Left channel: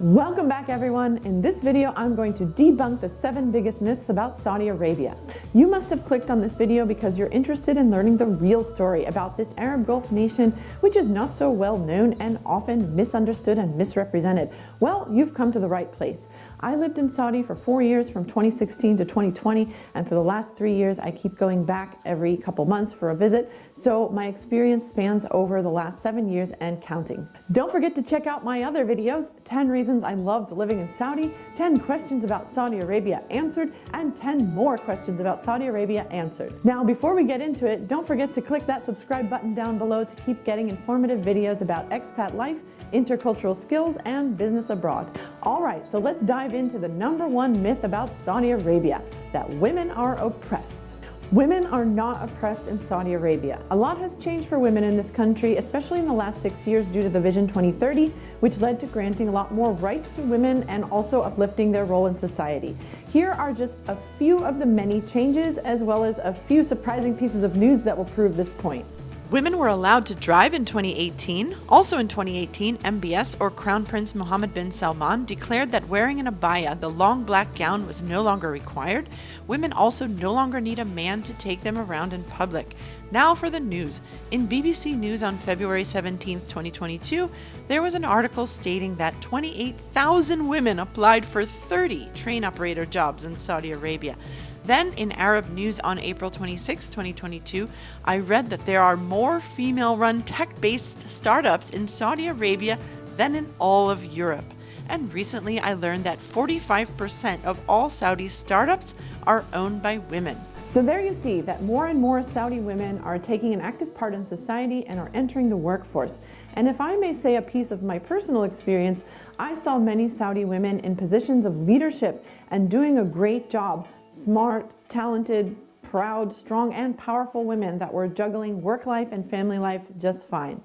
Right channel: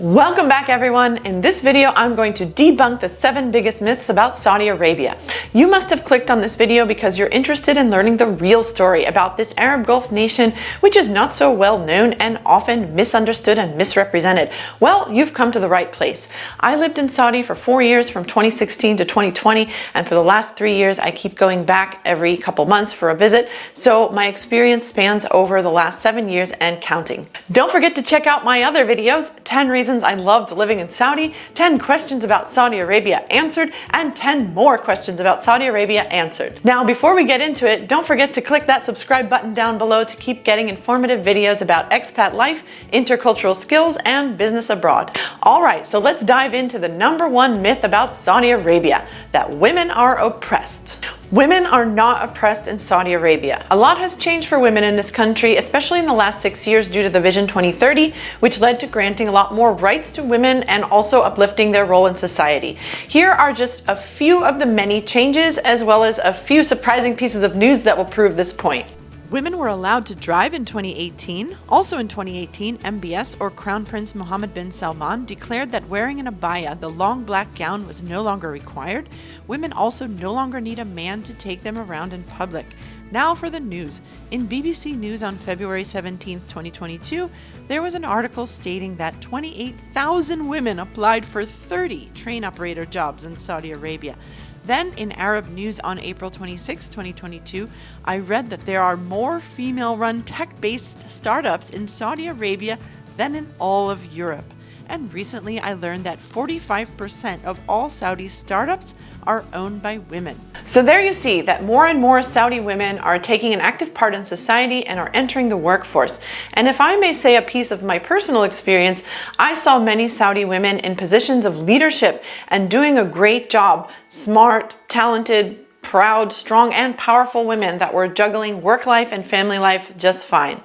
Welcome back everyone. In this video, I'm going to debunk the 7 biggest myths about Saudi Arabia. You must have clicked on this video because you're interested in learning the real story about this Arab Gulf nation, which is not so well known and often misunderstood and misrepresented. Well, you've come to the right place. I lived in Saudi for 4 years from 2016 to 2020, and for the last 3 years, I keep going back every couple months for a visit. So my experience spans over the last 7 years and counting. Don't forget to check out my other videos, 10 reasons I loved living in Saudi, 10 questions about Saudi Arabia answered, and 10 more questions about Saudi Arabia answered. Now, before we get into it, don't forget to click that subscribe button down below to keep getting informative videos about expat life, intercultural skills, and business abroad. All right, so let's dive into the #1 myth about Saudi Arabia, that women are oppressed. Women are not oppressed in Saudi Arabia. A lot has changed for women in this country, especially in the last 6 years due to the Vision 2030, which led to granting a lot more rights to women and also uplifting their role in society. Here are just a few of the many changes, as well as a few surprising pieces of news that will prove this point. Women were allowed to drive in 2018. Also in 2018, MBS, or Crown Prince Mohammed bin Salman, declared that wearing an abaya, the long black gown, was no longer required. Women also no longer need a man to take them around in public. Now for the news. In BBC News on February 17, 2022, there was an article stating that 28,000 women applied for 30 train operator jobs in Saudi Arabia. Then in Arab News on April 26, 2022, I read that there are more female-run tech-based startups in Saudi Arabia than in all of Europe. And recently I learned that 45% of all Saudi startups are owned by women. So there you see that more and more Saudi women are taking an active part in society and are entering the workforce. And if I may say a piece of my personal experience, I saw many Saudi women in positions of leadership and doing a great job. Smart, talented, proud, strong, and powerful women that were juggling work life and family life just fine.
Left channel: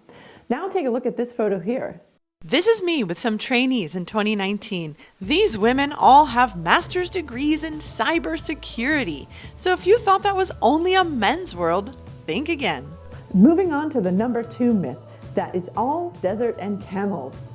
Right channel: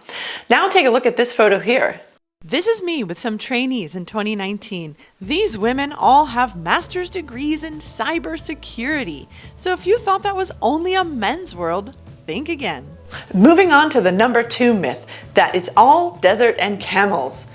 Now take a look at this photo here. This is me with some trainees in 2019. These women all have master's degrees in cybersecurity. So if you thought that was only a men's world, think again. Moving on to the #2 myth, that it's all desert and camels.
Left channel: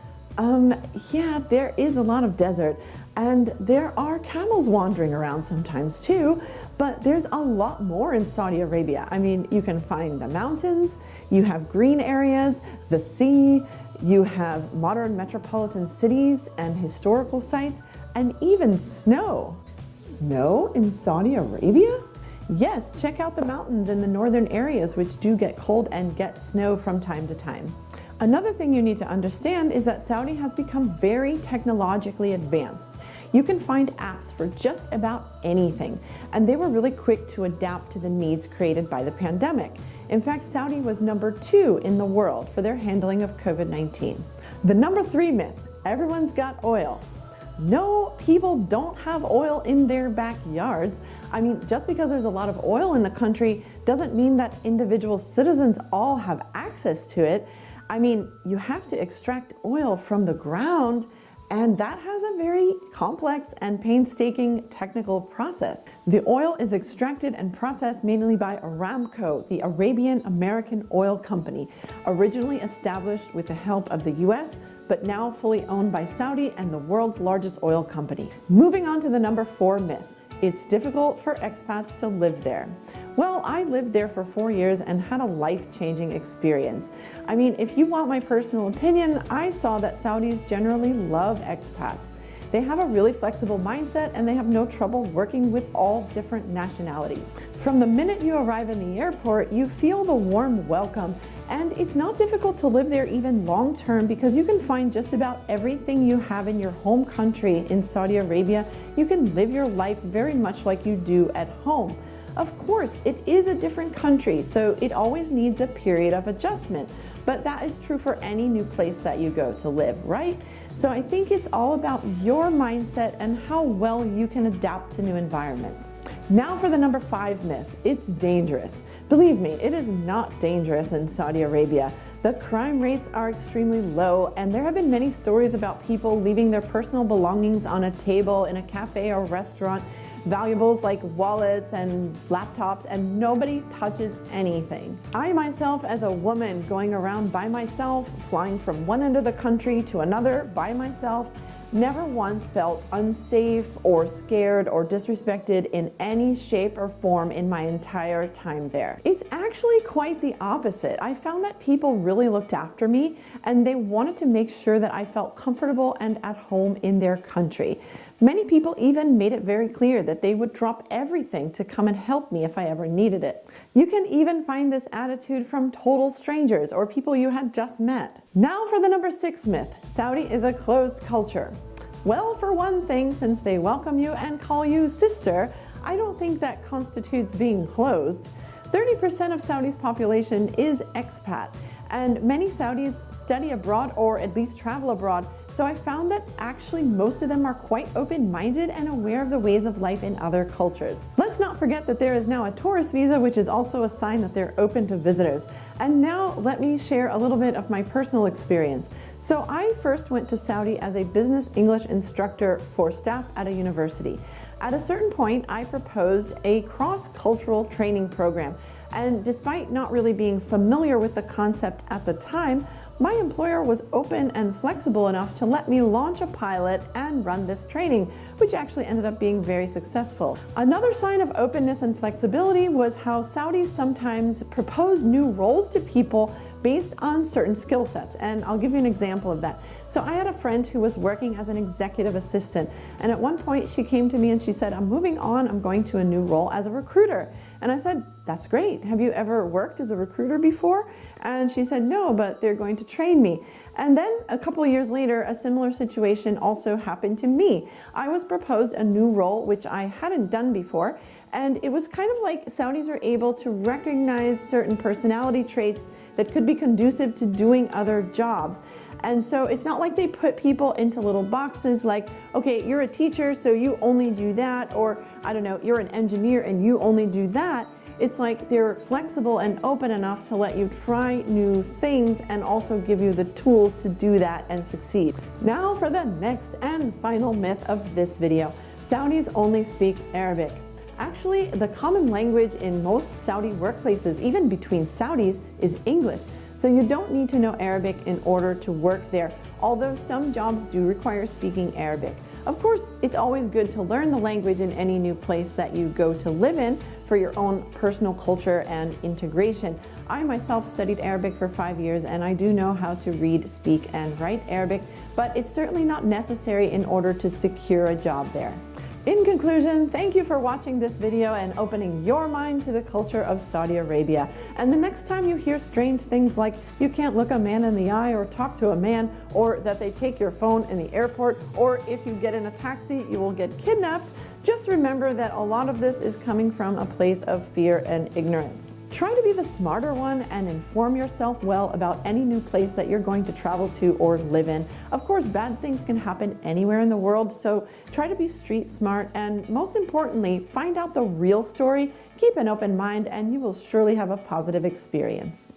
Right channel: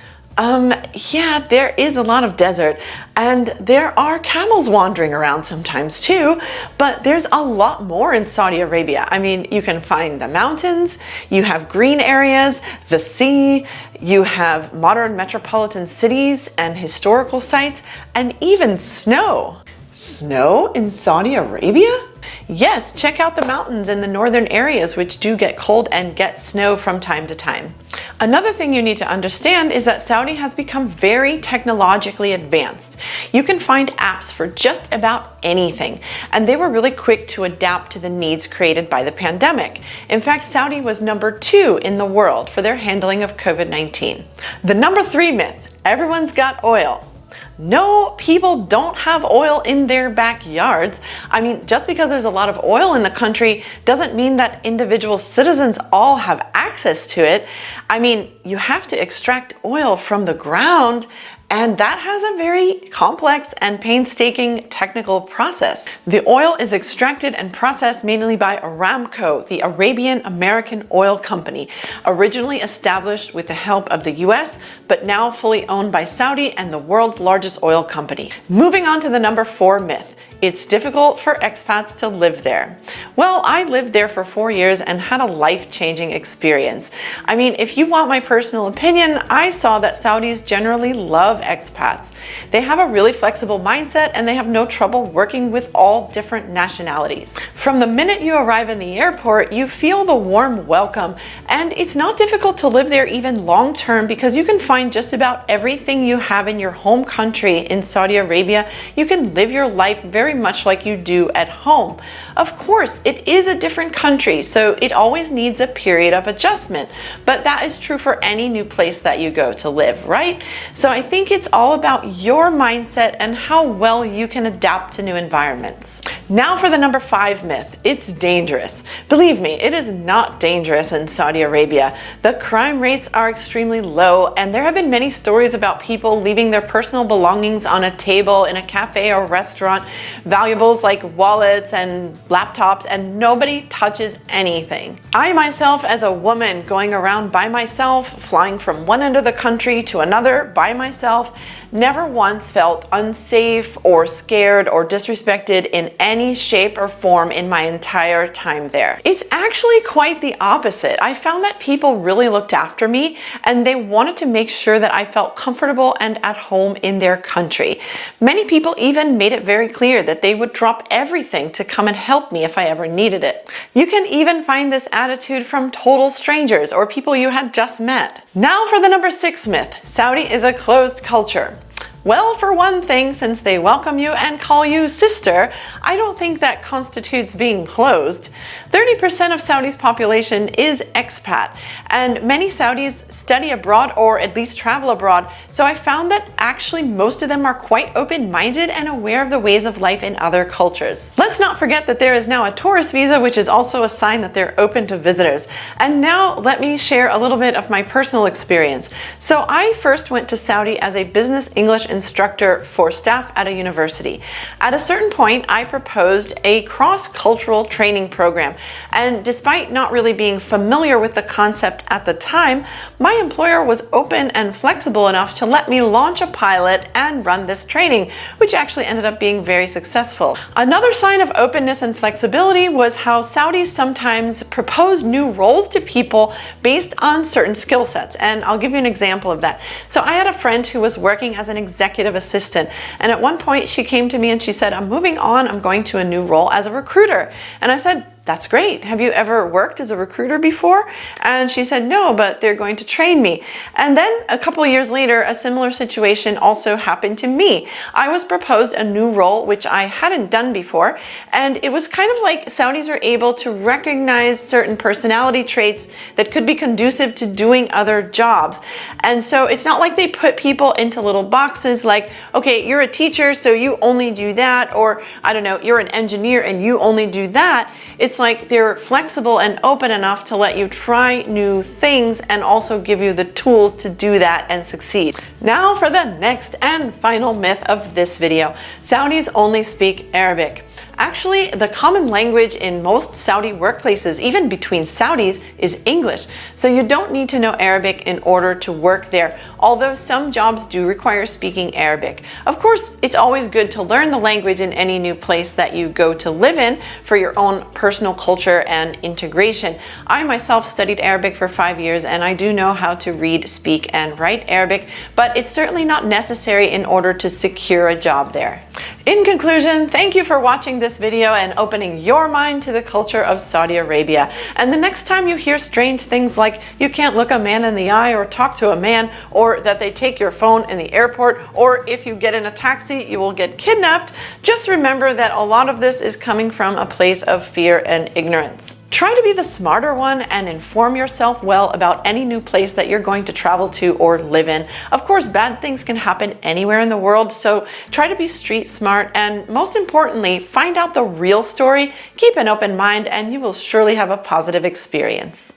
Yeah, there is a lot of desert, and there are camels wandering around sometimes too, but there's a lot more in Saudi Arabia. I mean, you can find the mountains, you have green areas, the sea, you have modern metropolitan cities and historical sites, and even snow. Snow in Saudi Arabia? Yes, check out the mountains in the northern areas, which do get cold and get snow from time to time. Another thing you need to understand is that Saudi has become very technologically advanced. You can find apps for just about anything, and they were really quick to adapt to the needs created by the pandemic. In fact, Saudi was #2 in the world for their handling of COVID-19. The #3 myth, everyone's got oil. No, people don't have oil in their backyards. I mean, just because there's a lot of oil in the country doesn't mean that individual citizens all have access to it. I mean, you have to extract oil from the ground, and that has a very complex and painstaking technical process. The oil is extracted and processed mainly by Aramco, the Arabian American Oil Company, originally established with the help of the US, but now fully owned by Saudi and the world's largest oil company. Moving on to the #4 myth. It's difficult for expats to live there. Well, I lived there for 4 years and had a life-changing experience. I mean, if you want my personal opinion, I saw that Saudis generally love expats. They have a really flexible mindset and they have no trouble working with all different nationalities. From the minute you arrive in the airport, you feel the warm welcome, and it's not difficult to live there even long-term because you can find just about everything you have in your home country in Saudi Arabia. You can live your life very much like you do at home. Of course, it is a different country, so it always needs a period of adjustment, but that is true for any new place that you go to live, right? So I think it's all about your mindset and how well you can adapt to new environments. Now for the number 5 myth. It's dangerous. Believe me, it is not dangerous in Saudi Arabia. The crime rates are extremely low, and there have been many stories about people leaving their personal belongings on a table in a cafe or restaurant, valuables like wallets and laptops, and nobody touches anything. I myself, as a woman going around by myself, flying from one end of the country to another by myself, never once felt unsafe or scared or disrespected in any shape or form in my entire time there. It's actually quite the opposite. I found that people really looked after me and they wanted to make sure that I felt comfortable and at home in their country. Many people even made it very clear that they would drop everything to come and help me if I ever needed it. You can even find this attitude from total strangers or people you had just met. Now for the number 6 myth. Saudi is a closed culture. Well, for one thing, since they welcome you and call you sister, I don't think that constitutes being closed. 30% of Saudi's population is expat, and many Saudis study abroad or at least travel abroad, so I found that actually most of them are quite open-minded and aware of the ways of life in other cultures. Let's not forget that there is now a tourist visa, which is also a sign that they're open to visitors. And now let me share a little bit of my personal experience. So I first went to Saudi as a business English instructor for staff at a university. At a certain point, I proposed a cross-cultural training program. And despite not really being familiar with the concept at the time, my employer was open and flexible enough to let me launch a pilot and run this training, which actually ended up being very successful. Another sign of openness and flexibility was how Saudis sometimes propose new roles to people based on certain skill sets. And I'll give you an example of that. So I had a friend who was working as an executive assistant. And at one point she came to me and she said, "I'm moving on, I'm going to a new role as a recruiter." And I said, "That's great. Have you ever worked as a recruiter before?" And she said, "No, but they're going to train me." And then a couple years later, a similar situation also happened to me. I was proposed a new role, which I hadn't done before. And it was kind of like Saudis are able to recognize certain personality traits that could be conducive to doing other jobs. And so it's not like they put people into little boxes like, okay, you're a teacher, so you only do that. Or I don't know, you're an engineer and you only do that. It's like they're flexible and open enough to let you try new things and also give you the tools to do that and succeed. Now for the next and final myth of this video. Saudis only speak Arabic. Actually, the common language in most Saudi workplaces, even between Saudis, is English. So you don't need to know Arabic in order to work there, although some jobs do require speaking Arabic. Of course, it's always good to learn the language in any new place that you go to live in for your own personal culture and integration. I myself studied Arabic for 5 years and I do know how to read, speak, and write Arabic, but it's certainly not necessary in order to secure a job there. In conclusion, thank you for watching this video and opening your mind to the culture of Saudi Arabia. And the next time you hear strange things like you can't look a man in the eye or talk to a man, or that they take your phone in the airport, or if you get in a taxi, you will get kidnapped, just remember that a lot of this is coming from a place of fear and ignorance. Try to be the smarter one and inform yourself well about any new place that you're going to travel to or live in. Of course, bad things can happen anywhere in the world, so try to be street smart and most importantly, find out the real story, keep an open mind, and you will surely have a positive experience.